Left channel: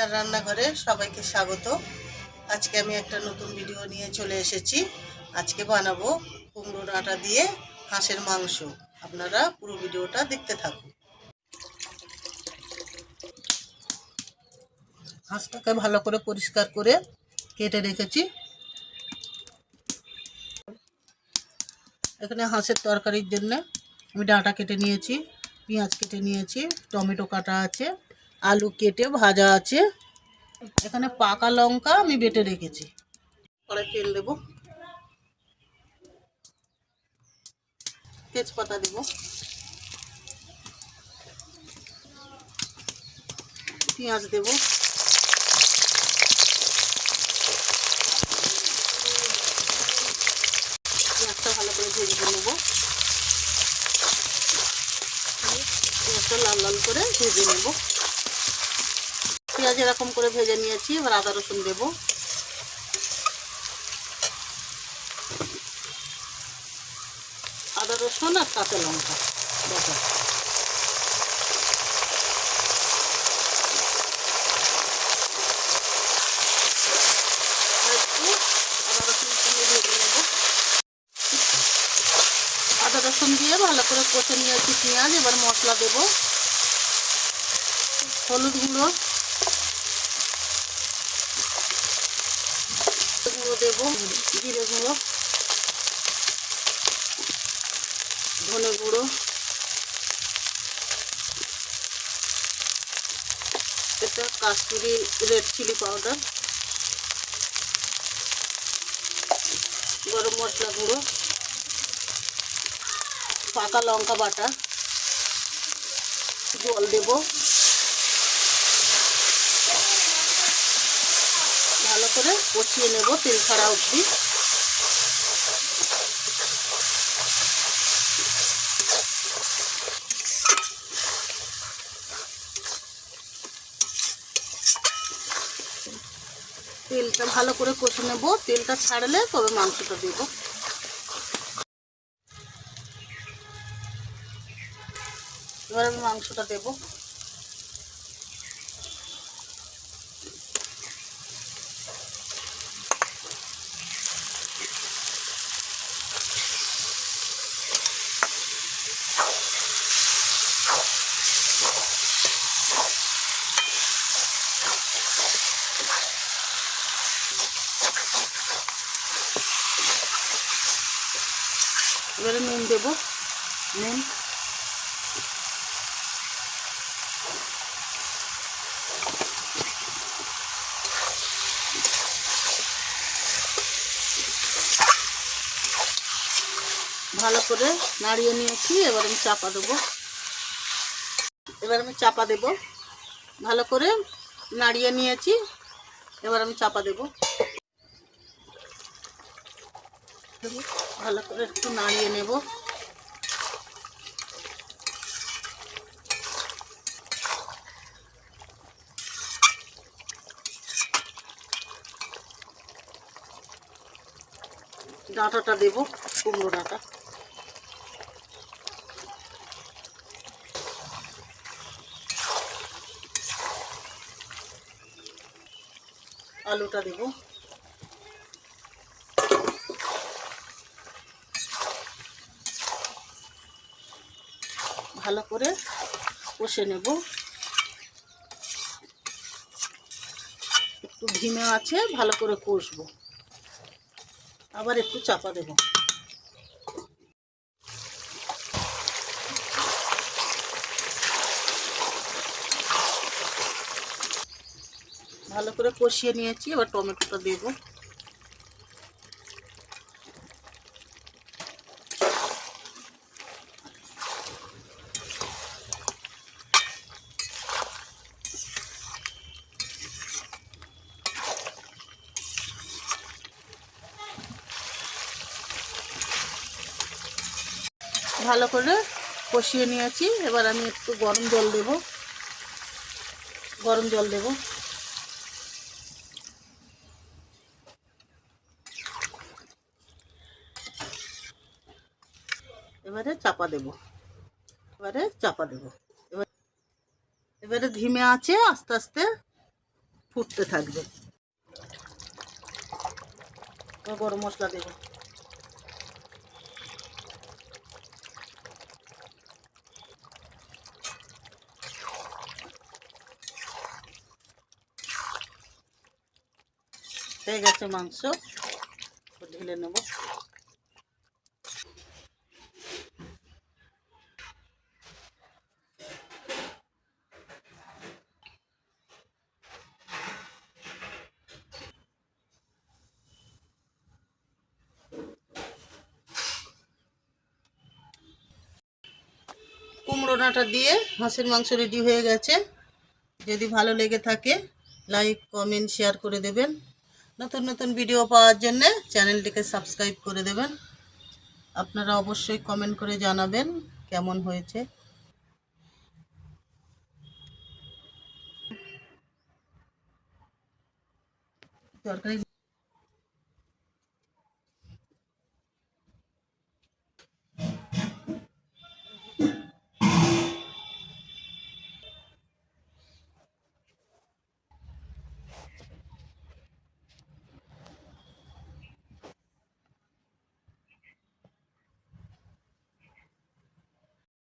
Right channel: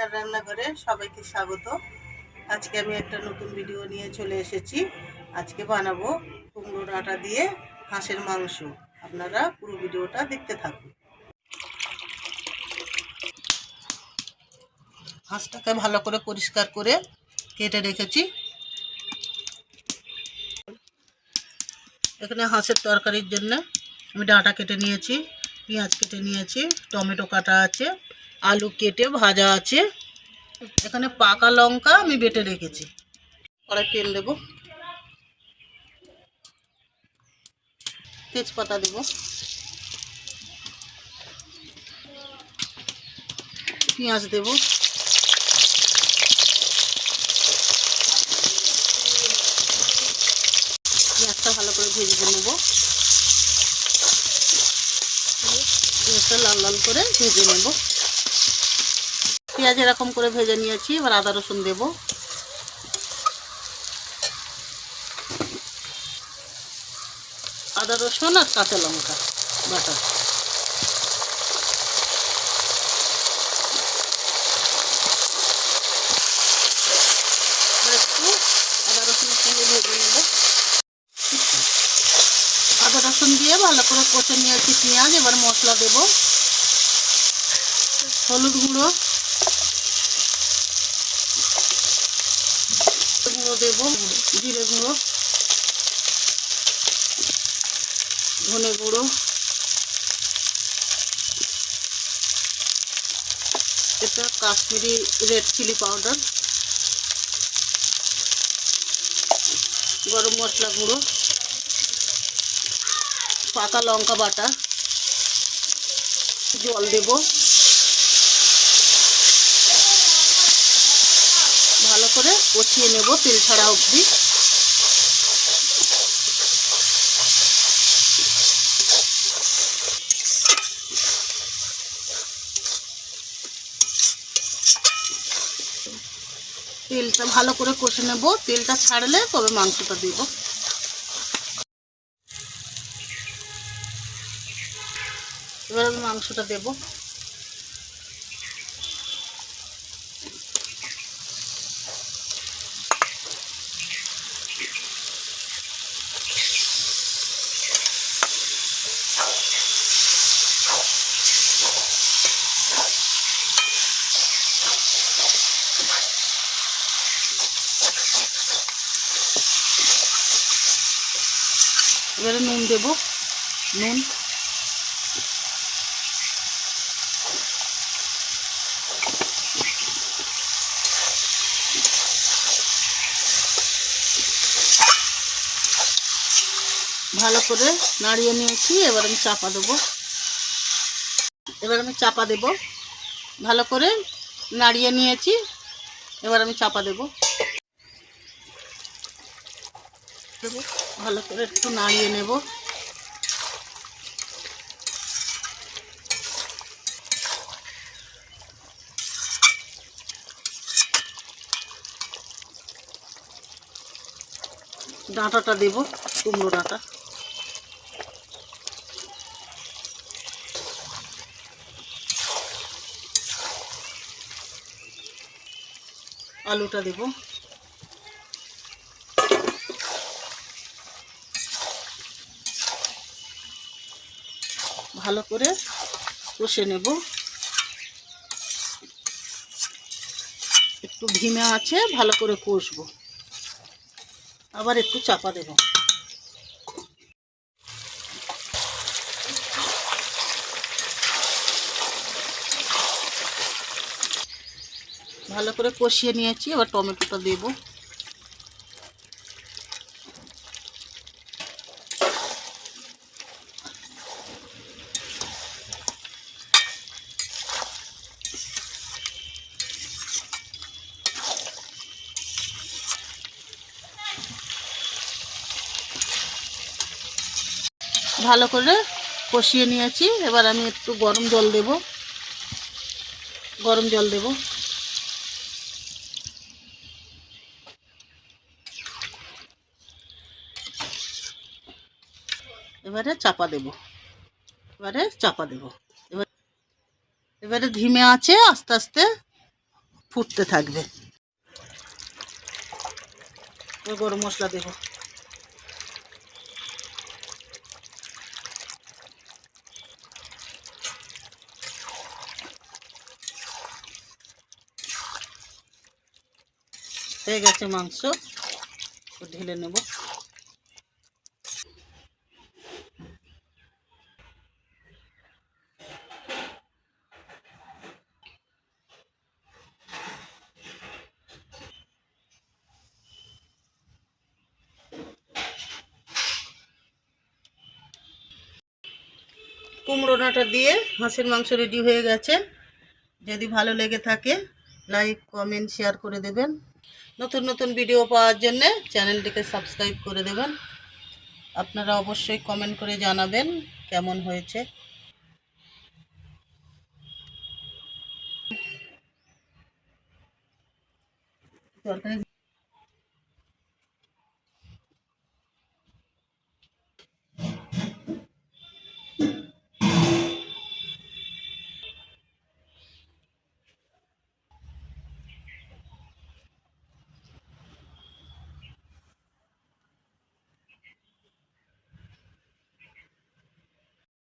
আপনার রান্নাঘরে সবাইকে স্বাগত। আজকে আমি একটা নতুন ভিডিও নিয়ে চলে এসেছি। আজকে বানাবো কুমড়ো ডাঁটা দিয়ে হাঁসের মাংস। আপনারা পুরো ভিডিওটা দেখতে থাকুন। হাঁসটাকে ভালো করে পরিষ্কার করে কেটে রেখেছি। এখানে হাঁসের তরকারির জন্য আমি ডাঁটা কেটে নিয়েছি, পেঁয়াজ কেটে নিয়েছি, টমেটো কাটা আছে, আলু কেটে ভাজা আছে। এখানে পাকা লঙ্কা আমি বেটে রেখেছি। কড়াই তেল দেবো, তেজপাতা দেব, পেঁয়াজ দেব, পেঁয়াজটা ভালো করে ভেজে নেব। পেঁয়াজটা লাল লাল করে ভেজে নেব। পেঁয়াজ এরকম করে ভেজে নিয়েছি। এবার আদা রসুন দেব, আদা রসুন আর কাঁচা লঙ্কা বাটা। একটু আদা রসুন সঙ্গে ভেজে নেব। আদা রসুন দিয়ে ভালো করে কষে নিয়েছি পেঁয়াজ। এবার মশলা দেব, হলুদ গুঁড়ো দেব, জিরে গুঁড়ো, ধনে গুঁড়ো, এটা কাশ্মীরি রেড চিলি পাউডার, গরম মশলা গুঁড়ো, পাকা লঙ্কা বাটা, জল দেব, ভালো করে কষিয়ে নেব তেল ছাড়া অবধি। তেলটা ভালো করে কষে নেব, তেলটা ছাড়লে তবে মাংসটা দেব। এবার আমি মাংসটা দেব। এবারে নুন দেব, নুন, ভালো করে নাড়িয়ে নিয়েছি। এবার আমি চাপা দেবো, ভালো করে নাড়িয়ে নিয়েছি। এবার আমি চাপা দেব, ভালো করে একটু নাড়িয়ে নেব। ডাঁটাটা দেব, কুমড়ো ডাঁটা, আলুটা দেব, ভালো করে কষে নেব। একটু ধিমে আছে, ভালো করে কষবো। আবার একটু চাপা দেব, ভালো করে কষিয়ে নিয়েছি। এবার টমেটোটা দেব, ভালো করে কষিয়ে নিয়েছি। এবার আমি একটু গরম জল দেব, এবারে চাপা দেব, এবারে ধিমে আছে আস্তে আস্তে ফুটতে থাকবে। গরম মশলা দেব। হয়ে গেছে মাংস, ঢেলে নেব। কুমড়ো ডাঁটা দিয়ে হাঁসের মাংস রেডি হয়ে গেছে। যদি ভালো লেগে থাকে লাইক কমেন্ট শেয়ার করে দেবেন। নতুন নতুন ভিডিও পাওয়ার জন্য চ্যানেলটিকে সাবস্ক্রাইব করে দেবেন। আপনারা অবশ্যই কমেন্ট করে জানাবেন কেমন হয়েছে। তরকারি